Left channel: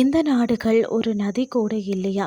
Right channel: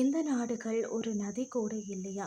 இந்த நாடுகள் ஒரு நதி கூட இல்லையா?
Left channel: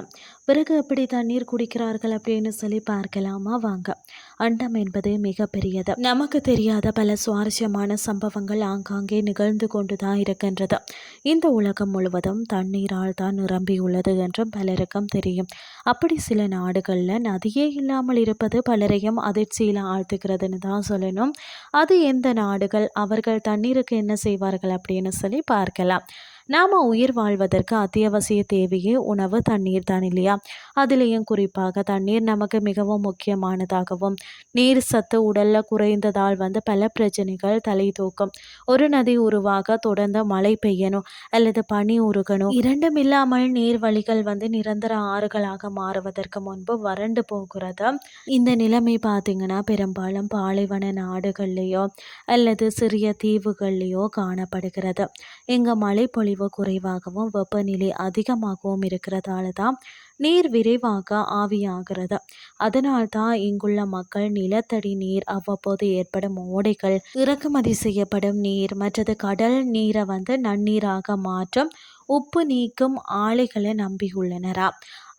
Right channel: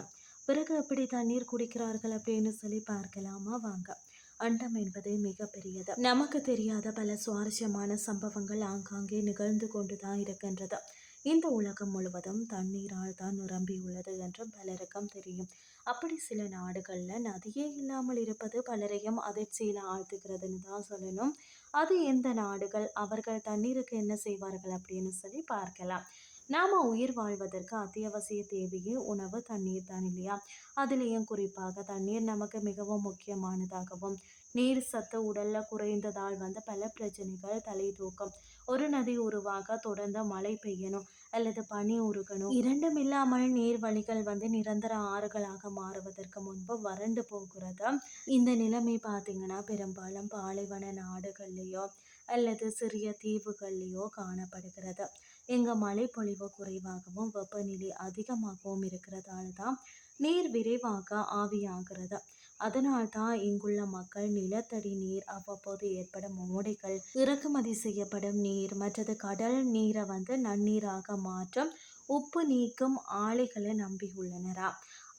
பிறகு எப்படி தண்ணீர் குடிக்கிறார்கள் அப்படின்னு சொல்லி பார்க்கலாமா வாங்க. அண்டம் என்பது மிகப்பெரியது. நமக்கு தெரியாத பல சுவாரஸ்யமான சம்பவங்கள் ஆங்காங்கே நிகழ்ந்து கொண்டு தான் இருக்கின்றது. இந்த உலகம் முழுவதும் தண்ணீரால் தான் நிரம்பியுள்ளது என்றும் பலருக்கும் தெரியும். அப்படி சில நாடுகளில் நதியே இல்லாமல் இருப்பது பலரையும் அதிர்ச்சியில் ஆழ்த்துகிறதுன்னு தான் சொல்லணும். அது எந்த நாடுகள் அவர்கள் தண்ணீருக்கு என்ன செய்வார்கள் அப்படின்னு சொல்லி பார்க்கலாம். நாம் உயிர் வாழ்வதற்கு அத்தியாவசிய தேவையே உணவு தண்ணீர் தான் இல்லையா? அதுலேயும் குறிப்பாக தண்ணீர் நமக்கு மிகவும் முக்கியமானதாகவும் நீர் சத்து உடலில் குறைந்ததால் வந்து பல பிரச்சனைகள் தலை தூக்கும். ஒரு நதி உருவாக தொடர்ந்து மழை பெய்யணும் அல்லது பனி உருகணும். இரண்டும் இல்லாமல் நீர் வழிகள் வந்து நிரந்தர ஆறுகளாக மாறுவதற்கு முன்பு வறண்டு போகிறது? இந்த நிலைமை பார்த்தீங்கன்னா பெரும்பாலும் பாலைவன நாடுகள்லேயோ அல்லது சிறிய தீவுகள்லேயோ காணப்படுகிறது. இங்கே மழை பொழிவு பொழிவு குறைவாகவும் வெப்பநிலை அதிகமாகவும் இருக்கிறதால தான் நீர் விரைவாக ஆவியாகிறது. அதனால்தான் இங்குள்ள மக்கள் நிலத்தடி நீர் அவ்வப்போது ஏற்படும் ஓடைகள் இறக்குமதி செய்யப்படும் நீர் மற்றது கடல் நீரை வந்து நன்னீராக மாற்றும் உப்பு நீக்கும் ஆலைகளை நம்பியுள்ளனரா?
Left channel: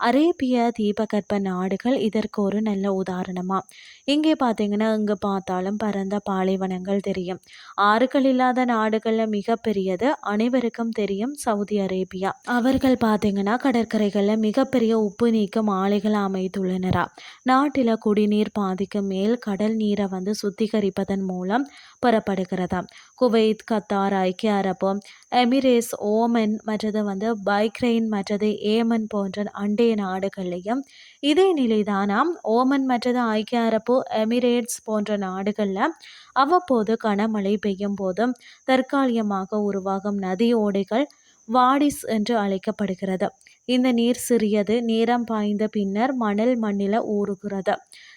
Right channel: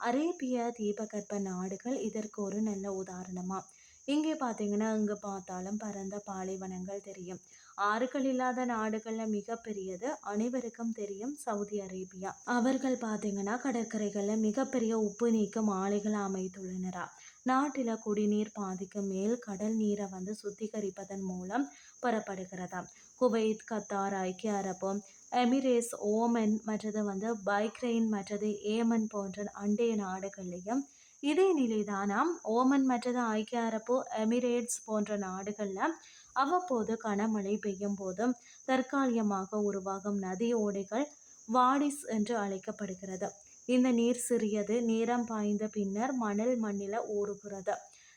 அரேபிய தீபகற்ப நாடுகள் இதற்கு ஒரு நல்ல உதாரணமாக இங்கே பார்த்தீங்கன்னா இங்கே பார்த்தாலும் பரந்த பாலைவனங்கள் தெரியும். ஆறுகள் இல்லாத நாடுகளில் மிகப்பெரியது அனைவருக்கும் தெரியும் சவுதி அரேபியா. அவர்கள் பார்த்தீங்கன்னா கடற்கரைகளில் மிகப்பெரிய உப்பு நீக்கும் ஆலைகள் அமைத்துள்ளனரா? நாட்டில் குடிநீர் பாதிக்கு மேல் கடல் நீரை வந்து சுத்திகரிப்பதன் மூலம் பெறப்படுகிறதா குவைத் கத்தார் ஐக்கிய அரபு எமிரேட்ஸ் ஓமன் மற்றது வந்து பைக்ரைன் மற்றது ஏமன் போன்ற அண்டைய நாடுகள்லையும் இதே நிலைதானாம். ஓமன் மற்றது ஐக்கிய அரபு எமிரேட்ஸ் போன்ற நாடுகளில் அவ்வப்போது கனமழை பெய்யும் போதும் தற்காலிகமாக உருவாகும் நதி ஓடைகள் வாடிஸ் என்று அழைக்கப்படுகிறது. இந்த நீர் சிறியது நேரம் பாய்ந்த பின்னர் மணல் மண்ணில் ஊறுகிறது.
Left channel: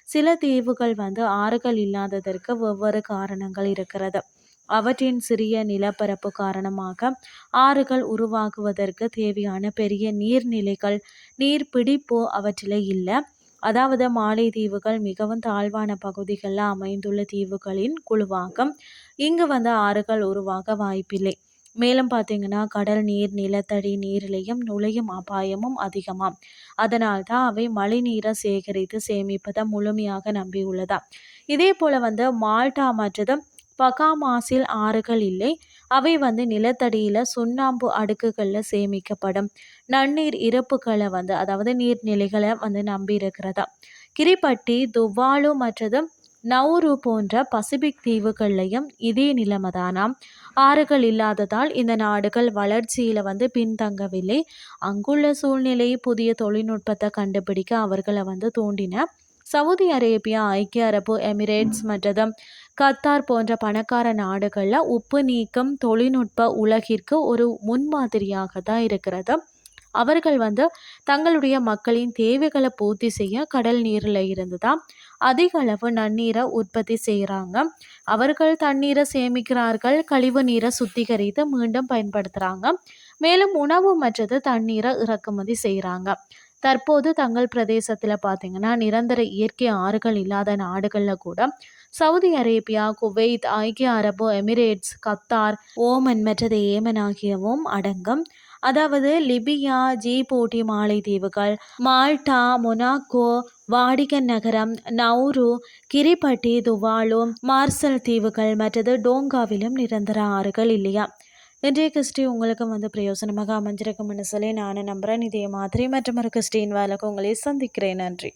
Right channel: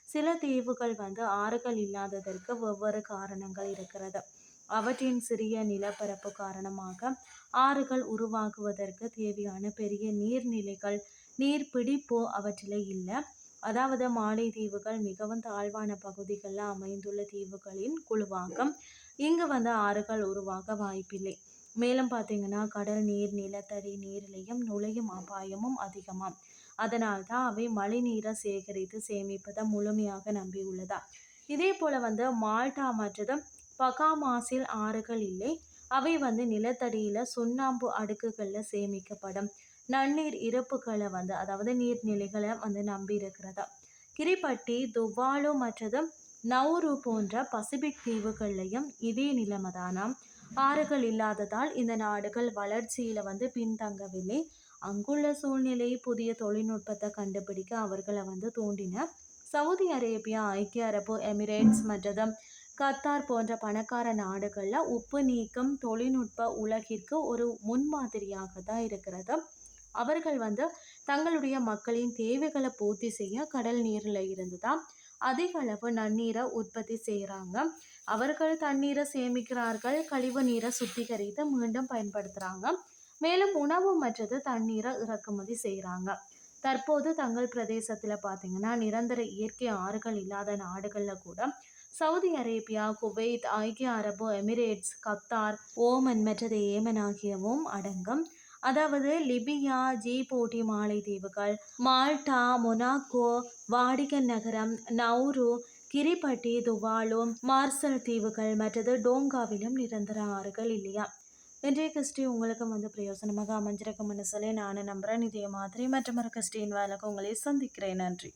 சில தீவுகள் வந்து ஆறுகள் இல்லாததற்கு வெவ்வேறு காரணங்கள் இருக்கிறது. அவற்றின் சிறிய நிலப்பரப்பு காரணமாக ஆறுகள் உருவாகுவதற்கு தேவையான பெரிய நீர்நிலைகள் நீர் பிடிப்பு அவற்றில் இல்லை. அதாவது மாலைத்தீவுகள் மிகவும் தாழ்வான பகுதிகளில் அமைந்துள்ள தீவுகளின் குழுவாகும். இங்கு வந்து ஆறுகள் உருவாக வாய்ப்பில்லை. மேலும் பார்த்தீங்கன்னா கடல் நீர் நிலத்தடி நீரிலையும் நுழையும் அபாயமும் அதிகமாம். அதனால் தான் அவை மழை நீரை சேகரித்து சேமிப்பதை முழுமையாக நம்பியுள்ளதா? இதே போல் வந்து மால்டா மற்றதும் பகாமாசில் ஆறுகள் இல்லை. அவை வந்து நிலத்தடியில் சுண்ணாம்பு அடுக்குகளில் சேமிக்கப்படும். நன்னீர் இறப்புகளை வந்து அதாவது நீர்நிலைகளை வந்து நம்பி இருக்கிறதா கிரிப்பட்டி துவாலு மற்றது நவுரு போன்ற பசிபிக் தீவுகள்லையும் இதே நிலைமை தானாம் ஆறுகள் இல்லாததால் இந்த நாடுகள் வளர்ச்சியில் வந்து பின்தங்கவில்லை. அங்குள்ள சூழ்நிலை புதிய தொழில்நுட்பத்தை கண்டுபிடிக்க அவர்களை வந்து தூண்டின சவுதி அரேபியா ஐக்கிய அரபு எமிரேட்ஸ் மற்றதும் கத்தார் போன்ற பணக்கார நாடுகளில் உப்பு நீக்கம் தொழில்நுட்ப உலகிற்கு ஒரு முன்மாதிரியாக தான் இருக்கிறது. அவர்கள் வந்து தங்களுடைய மக்களின் தேவைகளை பூர்த்தி செய்ய கடல் நீரில் இருந்து தான் அதிக அளவு நன்னீரை உற்பத்தி செய்கிறாங்க அவர்கள் தண்ணீரை சேமிக்கிறார்கள் கழிவு நீரை சுத்திகரித்து மீண்டும் பயன்படுத்துகிறாங்க மேலும் உணவு மற்றது தண்ணீரை இறக்குமதி செய்கிறாங்க தற்போது தங்கள் பிரதேசத்தில் பார்த்திங்கன்னா நிரந்தர இயற்கை ஆறுகள் இல்லாத நாடுகளில் கூட சவுதி அரேபியா குவைத் ஐக்கிய அரபு எமிரேட்ஸ் கத்தார் ஓமன் மற்றது ஏமன் ஆகியவும் அடங்கும். அதாவது லிபியா ஜீபோட்டி மாலைத்தீவுகள் மால்டா மொனாக்கோ வாடிகன் நகரம் நௌரு கிரிபட்டி துவாலு மார்சல் தீவுகள் மற்றது டோங்காவிலும் நிரந்தர ஆறுகள் இல்லையா? இன்றைய கிறிஸ்டி உங்களுக்கு வந்து பிரயோசனமாக அமைஞ்சிருக்கும் சொல்லி நானும் நம்புகிறேன் இதே மாதிரி மற்றும் ஒரு கிறிஸ்டின் வேலைக்கு உங்களை சந்திக்கிறேன். நன்றி.